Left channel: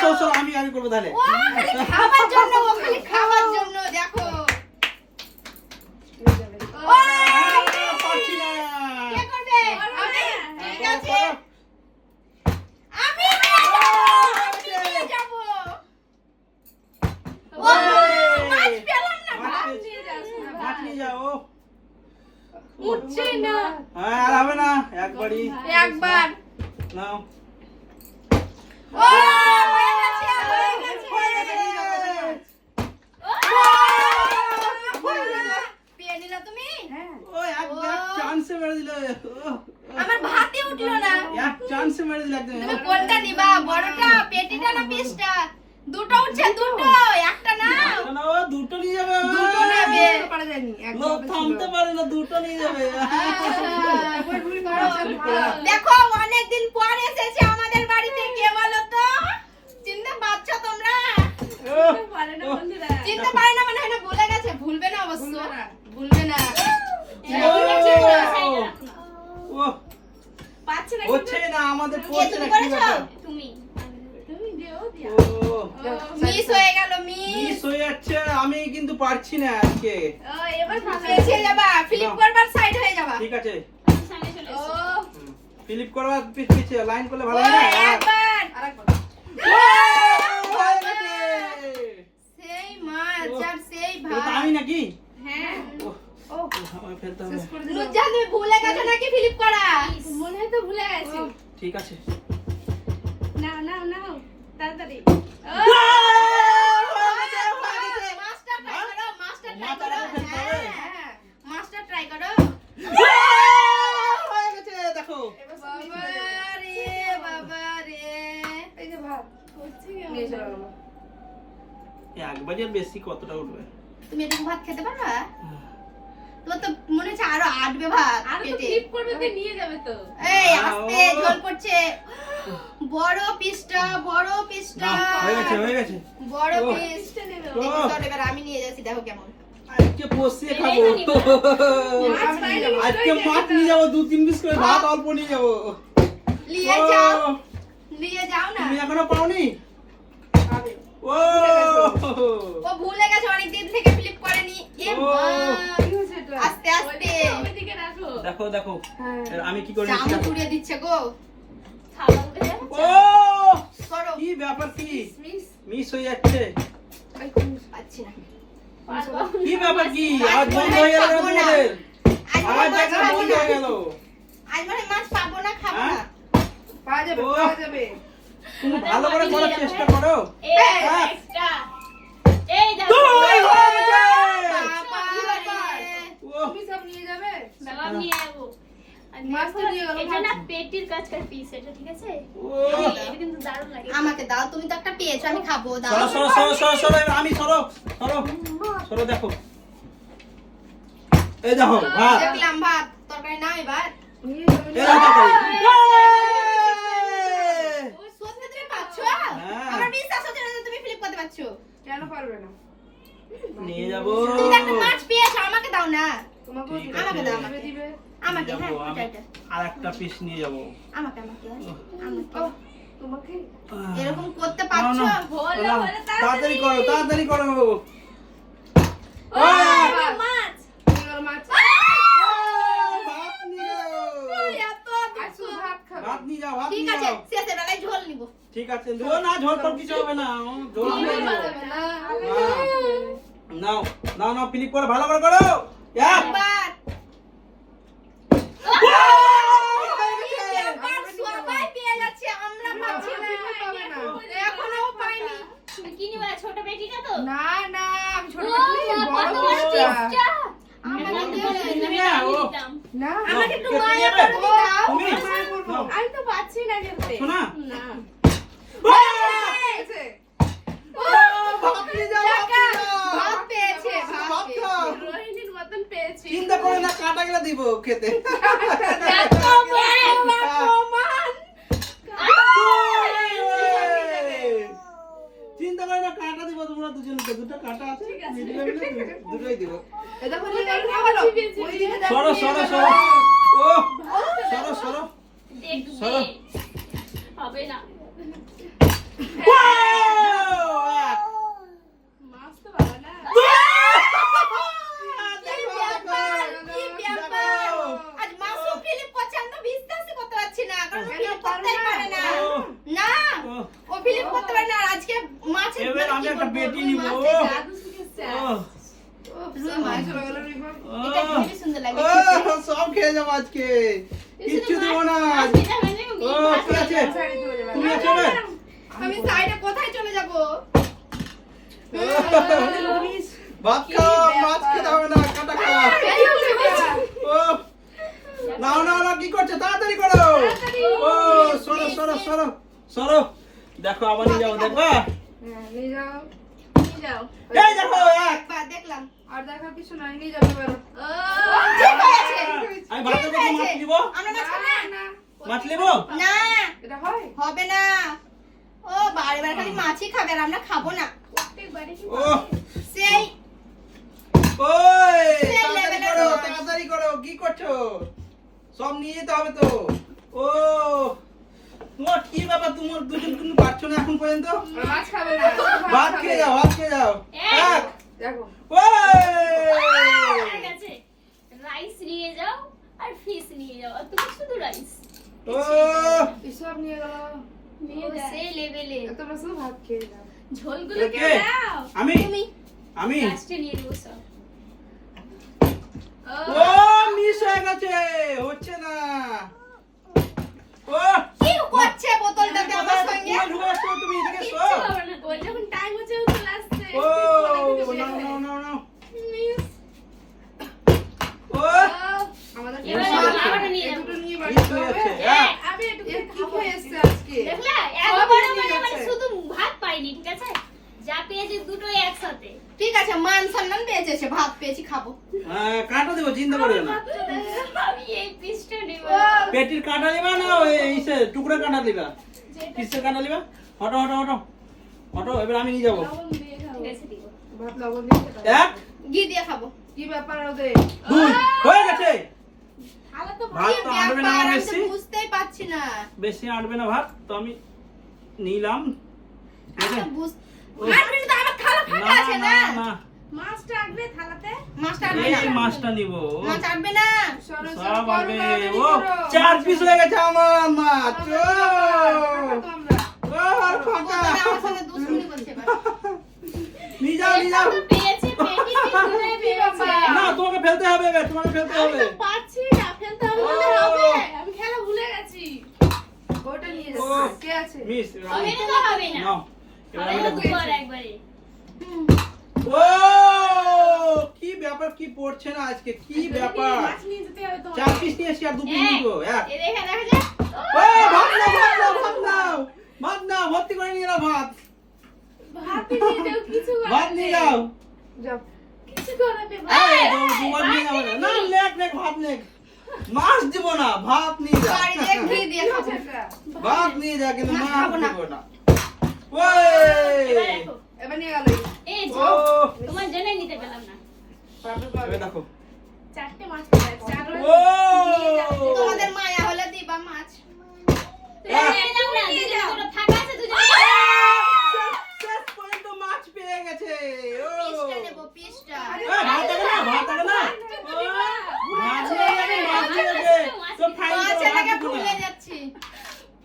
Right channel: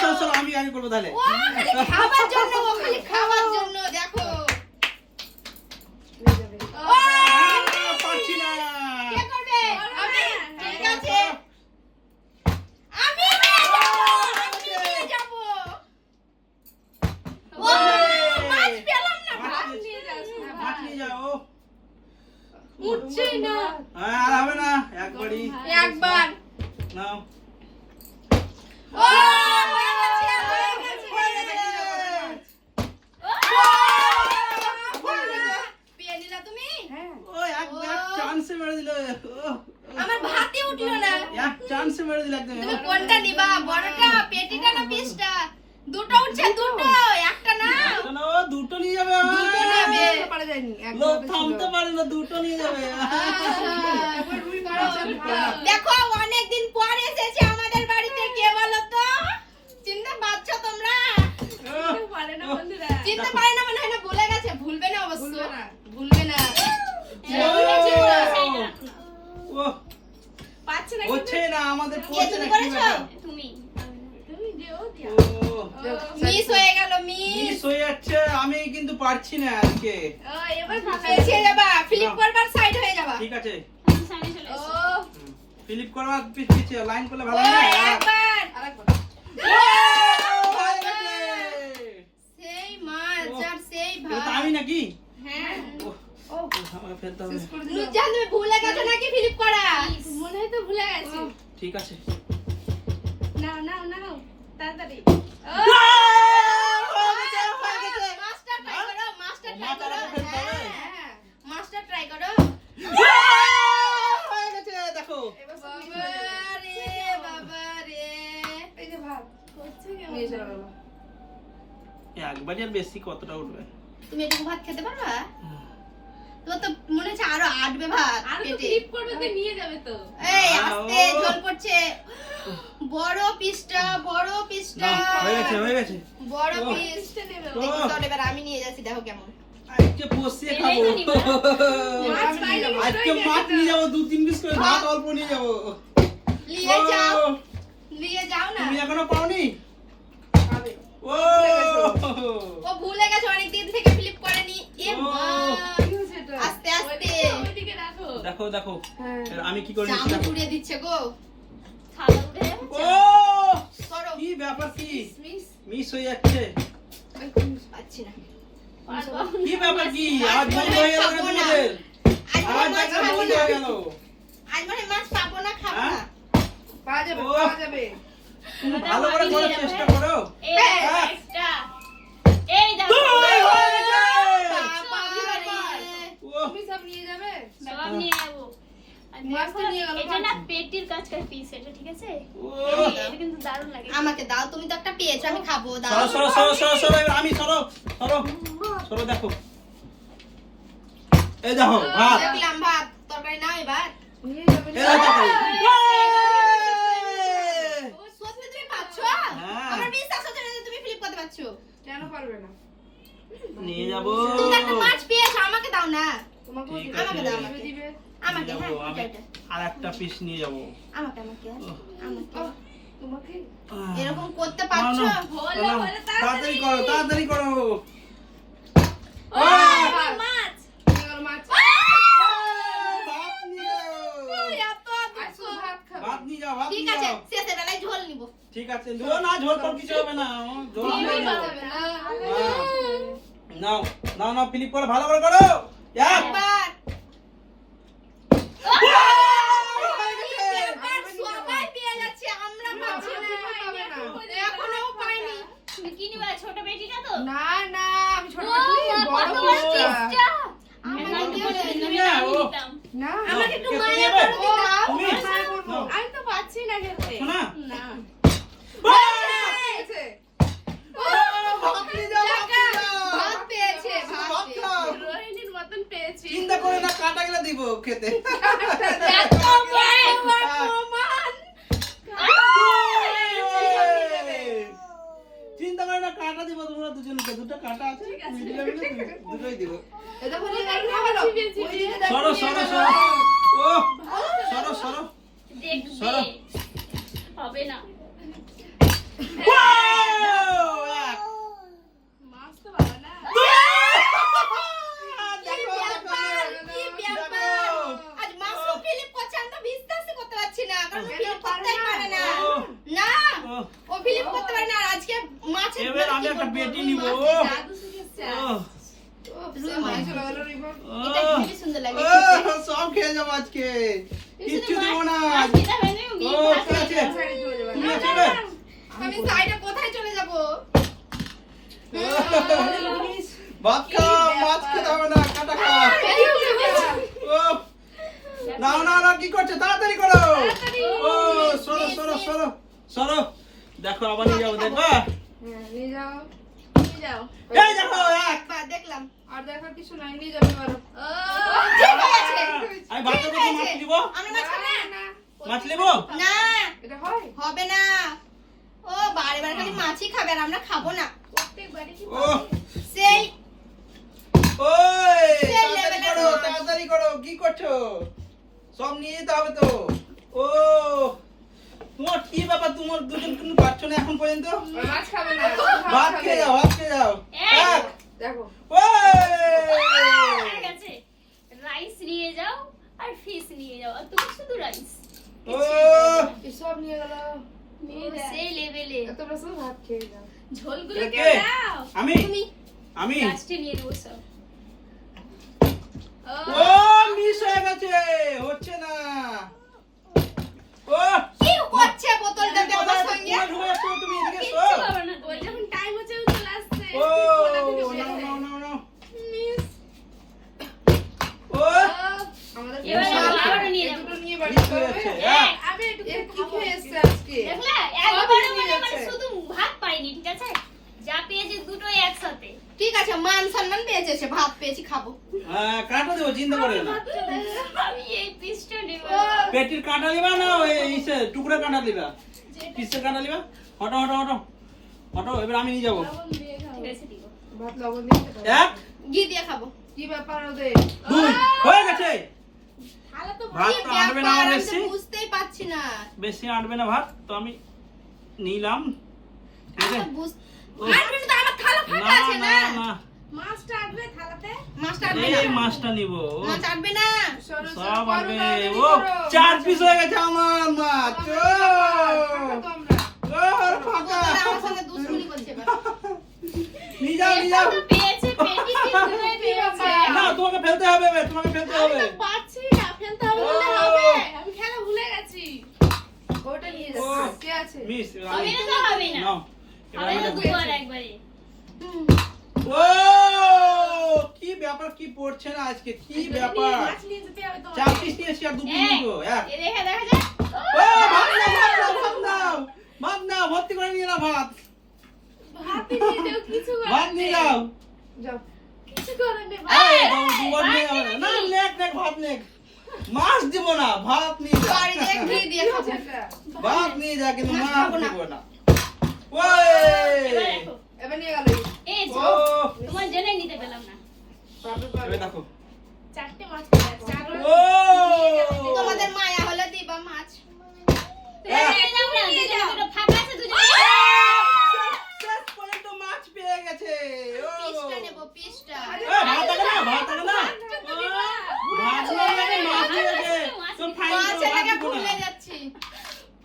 সরো আমি করবো তাহলে। ও খালি খাবার জন্য দেখো। পারছি না। কে করবে? আমি। ঠিক আছে। আমি নিয়ে যাব। ও মাছ পেলাম না, ভাত নিয়ে যাস না। ভাত নিয়ে যাও। উঠছে না। আর হবে না, একবারই। একবার। নাও। ও হয়ে গেছে। পেয়ে নিলা তুমি? ও এক চান্সে মেরে দিল। আমার ভাতই উঠলো না। এক চান্সে মেরে দিল একদম। তুমি কোনটা নিবা? বড়টা, পেটিটা না পিসটা? দুটো উঠছে, দুটো, একটা না। না ও দুটো নিয়ে যাবে। দুটো নেবে। পারা যায়নি লোক থামতে পারে না, দুটো নিয়ে যাবে। দেখো অনেকদিন পর এসেছে আমাদের বাড়িতে, কে বলো তো? চিনতে পারছো তোমরা? চিনতে পারে না মানে হয় না, ভুলে গেছে। ভুলবে না অবশ্য, ভুলবে না। ও পাচ্ছে না হচ্ছে না, আমাদের কে পড়ছে তুমি না, কি করেছো? ব্যাপার? তুমি ও মিস হয়ে গেল, মিস। মিস হয়ে যাচ্ছে, আমি কিন্তু পারছি না আজকে। পিছিয়ে যাবা, ফ্লিপ করবার, সাইড হয়ে যাবা। ঠিক আছে, ও ফিলিপ করবা, পিছিয়ে লাইন করলে ভালো হয় না। একবার আরেকবার হয়ে গেছে। সেই মাছ আর সেই এটা তো ভাত। আমি নাকি? হ্যাঁ আমাকে ফেলতে হবে। নুজান, তুমি ভুলে গেছো নাকি ফ্লিপ করা? মনে হয় তো ভুলে গেছি ঠিক আছে। নাও নাও নাও তাড়াতাড়ি মাস্টার ট্রাই করো, মাস্টার ট্রাই করো। হ্যাঁ মাস্টার ট্রাই করো। হয়ে গেছে, দেখো। বাবা রে, বাবা রে। এই যে ভাত করছে নিয়ে চলে গেল একবারই আর বেশি কতটা উঠবে? তুমি এটুকু ভাত খেতে পারবা? তোমার তো মনে হচ্ছে আরো আটবে ভাত আর তো পেটে। ফ্লিপ করবে তো নিয়ে যাবে তো এই আস্তে, ঝোল পড়ছে। বড় পিসটা, বড় পিসটা। না, হয়ে গেছে, হয়ে গেছে। বড় ও। পিসটা নেবে। ও। দেখি চল, এবার আমি নিয়ে যাচ্ছি, দেখো কেমন। আজকে বসিয়ে খাবো। মাছ পাইনি, আজকে মাছ নিয়ে যাবো, 2-3 পিস করে ভাত অল্প নিয়ে যাবো। নিয়ে ও, যাও, নিয়ে যাও না। তুমি এখনো পাওনি? খাবে ও ও ভুলে গেছে, অনেক দিন থেকে ফ্লিপ করেনি। এ ও। মা। কি হয়েছে এটা আস্তে আস্তে। ওইদিকে রাখো দেখো দেখো, হ্যাঁ এর আমি কি করে চামচ নিচ্ছি দেখো। উড়িয়ে দিচ্ছে গো। ও করো। কি ব্যাপার, কি মিস মিস হয়ে যাচ্ছে? পাচ্ছি না। কি ব্যাপার, কি আজ বন্ধ হয়ে গেল খাবো না। তোমাদের? আজ মনে হয় আজ মাছ একটা পাবো বন্ধ না। হয়ে গেল। আজ মনে হয় মাছ পাবো না, খাবো হ্যাঁ? না। পাওয়া যাবে ও। পাওয়া যাবে তুমি ভালো করে করার চেষ্টা করো। এই হ্যাঁ। দুই হয়ে গেছে। বাবা রে। ও, তুমি সব নিয়ে যাবে পেটির কাছকার পিস এটা, ঠিক আছে? ও। এটা কিন্তু দারুণ লাগে। আমাকে দাও, তুমি তো একটা পেয়েছো, আমি খাবো, দাও। সরো সরো সরো সরো সরো, এবার আমি সরো সরো সরো, দেখো এই দেখো ভাত, দেখলাম ভাত, তরকারি নাও এবার। নিয়ে যাবে এই দেখো তরকারি। সত্যি তুমি পাচ্ছো? হ্যাঁ। আমার বিশ্বাস হচ্ছে না যে তুমি ফ্লিপ করতে পারছো। কেন পারবে না নিয়ে যাবো। তুমি তো একটা মাছ পেয়েছো, আমাকে দাও না। তোমাকে ঠিক দিবে, আছে। আমাকে দাও, দিবে, আমাকে। দিবে আমাকে, নিয়ে হ্যাঁ, যাবো, এটা, এটা। আর একটা পিস নিয়ে যাবো। আমাকে, আমাকে, আমাকে। ও, তোমাকে এরকম করতে না, পারছো? না, না, তাড়াতাড়ি করো, তাড়াতাড়ি করো। ও, মাছ নিয়ে গেল মাছ ভাত নিয়ে যাও। এত আর শুধু ভাত খাবে ভাত নিয়ে যাও, ভাত ঠিক নিয়ে আছে, যাও। শেষে বেলায় ঝোল নিবো। ঠিক আছে, ঝোল না, ঝোল তো কিছু হবে না, ঝোল নিয়ে যাও। নাও নাও নাও, ফিলিপ করো, ভালো করে করো। এক। একবার। একবার সবাই পেয়ে যাচ্ছে, আমরা পাচ্ছি না। পাবে না এখনো পাইনি। তুমি কি নিবা? ছোট পেটিটা তো? না না আমি ছোট ও, পাচ্ছি বড় কত বড় পিসটা পিসটা। আমাকে আমি দিও না। আমি নিতাম। না আমাকে একটু কে মায়া নেবে? করে দাও। তুমি? মায়া করবো। নাও। আমি তো পাচ্ছি না খেতে শোনা? না ও, ভাত নিয়ে যাও, ভাত নিয়ে যাও। ভাত পেয়েছে, ভাত ভাত পেয়েছে। খাও। রোহিণীর মতন পেয়েছি চিন্তা করে না, কাঁটা গেলে দিব খেতে। এত বড় আমার প্রমাণ। চিন্তা করে না, কাঁটা দিব তোমরা দুজনকে, দুটো কাঁটা আছে, মিডিলে মিলে দুটোই দিব। এটা বলে গেল ওইদিকে দেখো সরো সরো সরো, ও সরো সরো দেখবে। সরো। হবে না। এক। মাছ তো ভালো না। দেখো, কি ব্যাপার? দেখো। আজ মাশরুম ফিলিপ করছে, আমি তো বিশ্বাসই করতে পারছি না, কারণ কেন ফিলিপ পারে করতেই না? পারে না। ও, না, ও, ও ফিলিপ করতে পারে না, আজকে মাছের এবার আমি কি একটা বলবো, পেটি রুই নিব। মাছ। মাছের জাদু শিখেছে। ও, রুই মাছ চলে গেল রিপন। এটা খুবই সুন্দর লাগে ও, খেতে। সব খেয়ে যাবো আজকে। কিচ্ছু দেবো না। মাছ খেতে হবে না, ও, মাছ ঠিক আছে। সাইডে চলে যাবে। তুমি আছো রে? আমি সাইডে কোথায় চলে যাব? ভাত খাও, মাছ খেতে হবে না, কাটা খাও। ও, নাও নাও নাও, কি করছো? তাড়াতাড়ি করো। ও, সরো সরো সরো সরো। দেখো আবার নিয়ে যাবো, দেখো। হ্যাঁ, নিয়ে যাও। নিয়ে যাও। এই দেখো, এক। বাহ, দেখলাম। আর দেখার কিছু নাই, নিয়ে যাবে এবার। ঠিক আছে। আমি ভাতের মধ্যে মাছ নিবো। আমরা মাছ খাবো না। না, মাছ নিবো? না, এটা হয়? হবে না। ও বারে বারে খালি মাছই খাবে আর আমরা খাবো না। প্রত্যেকবারই কি ও, সেই ওই, সেই তাড়াতাড়ি level-এর করো, মাছ। তাড়াতাড়ি করো, কি করছো? সব নিয়ে যেতে হবে তো। ও, তোমার কি ব্যাপার? তোমার দুজন কিন্তু পাচ্ছ না এখন পর্যন্ত? ওরা মাছ খাবে না। ভাত খেয়ে যাও, ভাত খেয়ে যাও। এই। এক। দেখো। ওই। ঠিক আছে, রাইস নিয়ে যাও আর ফিশ নিয়ে যাও, আর তুমি শুধু রাইস ও, সব নিয়ে গেল। নিয়ে যাও সেই লেভেলে। তোমরা শুধু ভাত খেয়ে যাও। ঝোলগুলো কে? কেউ দাও, আমি তুমি আমি লাস্টে নিয়ে দেবো সব। ও, মিস হয়ে গেছে, হচ্ছে না। ও, কি করছে বোতলটাতে আমার সঙ্গে? তুমি ঢুকে আসছো, তুমি এদিকে এসো। কিচ্ছু হবে না, ওই যখন টাইম হচ্ছে ও চলে আসছে। ও, নাও নাও নাও নাও। মিস। ও, আমাদের এবার আবারও নিয়ে এই যাবো। দুটো নিয়ে বাড়ি মিস যেতে হয়ে হবে। যাচ্ছে। এই, এক। আমি একটু কি খেয়ে এসছে আজকে? দেখলে সব একবারে নিয়ে মানে গেছে। শুধু ভাত পাইনি, ঠিক আছে, যা পেয়েছি দুটোই একসাথে। ঠিক আছে, মান সম্মান পেয়েছে সে, ভাত পেয়েছি, খাবো। কাঁটা দেবো, চিন্তা করো না। আমি এই পিসটা নেব। পেটির কাঁটা দিবা না এই টুকরা কাঁটা দিবা? কিসের কাঁটা দিবা? হটো হটো হটো হটো, এবার আমি নিয়ে যাবো। লবণ দিয়ে খাও। ঠিক আছে, দিব। ভাত লবণ দিয়ে খেতে হবে। এক, ঘি দিয়ে খাবো। কি ব্যাপার ওদের? দুই, হয়ে গেছে। তাহলে তো ভাত কি তো আনবে না ব্যাপার, আমার আমি তো বেশি, বুঝতেই পারছি না। বেশি আনবে না ভাত, তো আমি নিলাম। ঠিক আছে? আমি তো বুঝ- ও, আনবে না তো, আমার থালা ফাঁকা না আছে না না। না, মাছটা আনবে থালাতে? মাছটা আনবে এই না। মাছটা নিব। মাছ আনবে না। সরো, সরো, সব করো, আনবে। তাড়াতাড়ি ও, করো। 4 পিস হয়ে গেছে আমার মাছ। খাবো তো আমরা। ও, ফাঁকা। বোতলে আমার সঙ্গে দুষ্টুমি করছে এবার। নিয়ে যাও নিয়ে যাও। তো পেয়েছে, পেটি দুটোই পেয়েছে। না, তোমাকে ফেলতে হবে এবার, তোমাকে ফেলতে আমি হবে। তো পাচ্ছি না, ফেলতে হবে বললে ও। হবে। আমি খেলা ভুলে গেছি। ওটা নিয়ে ও। যাচ্ছি। কে আছে? মিস, হবে না তো হবে না। নাও। এবার হবে আমি না দেখবো। দুবার একবারে। ও, কি ব্যাপার, কি পড়ছে না আজকে, কি ব্যাপার? মাছ নিয়ে যেতে হবে তোমার। 4 পিস নিয়েছি আর 2 পিস নিব। এক। এ দেখা দেখা যায়। ও, ভাত নাও, ভাত নাও, ভাত নাও। ভাত নাও, ভর্তি করে নিয়ে নাও ভাত। ভাতই নিয়ে যাও, কিছু করার ভাত নিয়ে নেই। নাও। যাও। কিছু করার নেই, ভাত। এই, দুবার নিয়ে যাবে না। না, নেক নেক, ভাত নেক। মাছ দিব না, ভাত নিয়ে যা। বাড়ি দিয়ে ঘি দিয়ে খাবো। ভাত নিয়ে যা, কিন্তু মাছ মাছ খাবো না। দিব না। এবার ওই, দেখো। এবার নিয়ে গেল। এই ও, তোমার জন্যই নিতে পেলাম না। পাবে এবার পাবে। দেখো। 4টে মাছ পেয়ে যাচ্ছে। আর ও, তোমাদের মায়া হলে দিবা মাছ। নিয়ে যাও না, দুটো ফাঁকা আছে, দুটো শেষ পর্যন্ত মাছ পেয়ে গেছে। ও, পিসটা নেবো, পিসটা। এই, ভাত থাকে না, ভাত থাকে না। ও, ভাত নিয়ে যাবে, মাছ নিয়ে যাবে। তো ফাইন করো, মাছের ভাত লেগে দিব না। ভুলে যাচ্ছি।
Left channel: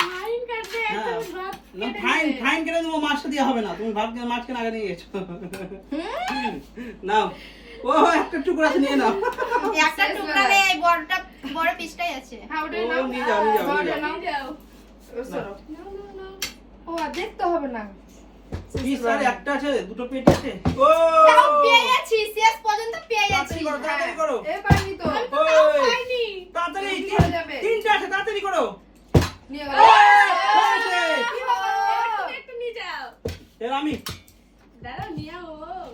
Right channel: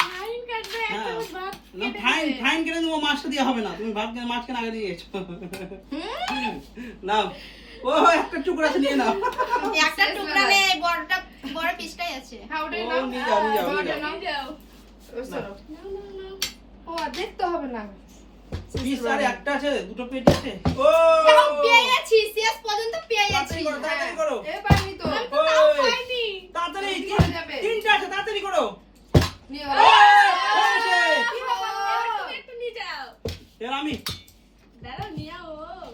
ফাইন কাটবে, হ্যাঁ। একদম ভাত না, কেটে ফাইন দেবে। ফাইন কেটে দেবো, মাছটা দেওয়া হবে না। তুমি ভাত কেন, মাছ কেন আগে নিয়ে গেছো? নাও, ও একটা টুকরা আছে, নিয়ে নাও। একটা টুকরা নেই, বড়টা, বড় পিসটাই আছে। হ্যাঁ, ওটাই ও, নাও। নিয়ে যাও, নিয়ে যাও, নিয়ে ওটা যাও। নাও। ও, সরো। ও, আর দেখতে হবে না। পিস আর একটা আছে, দুটো পেটি আছে। ও, তাও পেয়ে যাচ্ছি, শেষ পর্যন্ত পেয়ে যাচ্ছি। তাড়াতাড়ি করো, তাড়াতাড়ি করো। এ পাইনি তো। ওই, পাইনি। তাড়াতাড়ি, কি হয়ে যাবে? তিনটা আছে, তাড়াতাড়ি করো। নিয়ে ও, গেল। হয়েছে। কি বাবা, এবার তুমি একটু নিয়ে যাও। এবার আমি। দাঁড়াও, নিয়ে আও।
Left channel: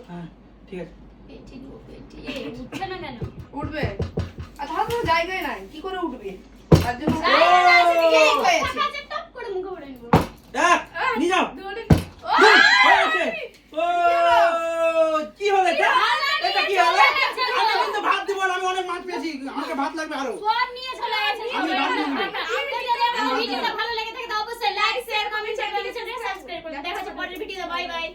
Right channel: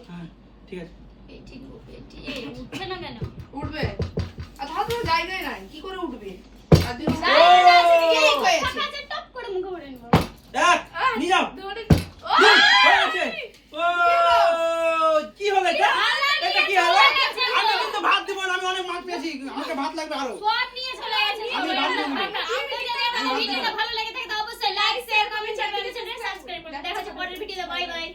হ্যাঁ, ঠিক আছে। পেটি গো, পেটি। এই, উঠছে না কেন? উঠবে। আর তাহলে তো জায়গায় নাই, কি করে উঠবে? তার জন্য ও, ঠিক হয়েছে। ফাঁকা আছে, টপ করে মুখে উঠে নিবো। এক, নিয়ে যাও। দৌড়ে- দুই, হয়েছে। ও, কি হলো এটা? এটা কি হলো? আমি কিন্তু ভাত দিব না, আমি অনেক মাছ পেয়েছি, আমাকে ভাত লাগবে আরো। সব নিয়ে চলে গেছে। আমি ভাত নেবো। আপনাদের যদি আমার ভিডিওটা ভালো লেগে থাকে, তো অবশ্যই লাইক, শেয়ার, কমেন্ট, সাবস্ক্রাইব করে দেবেন। পরের ভিডিও বাই বাই।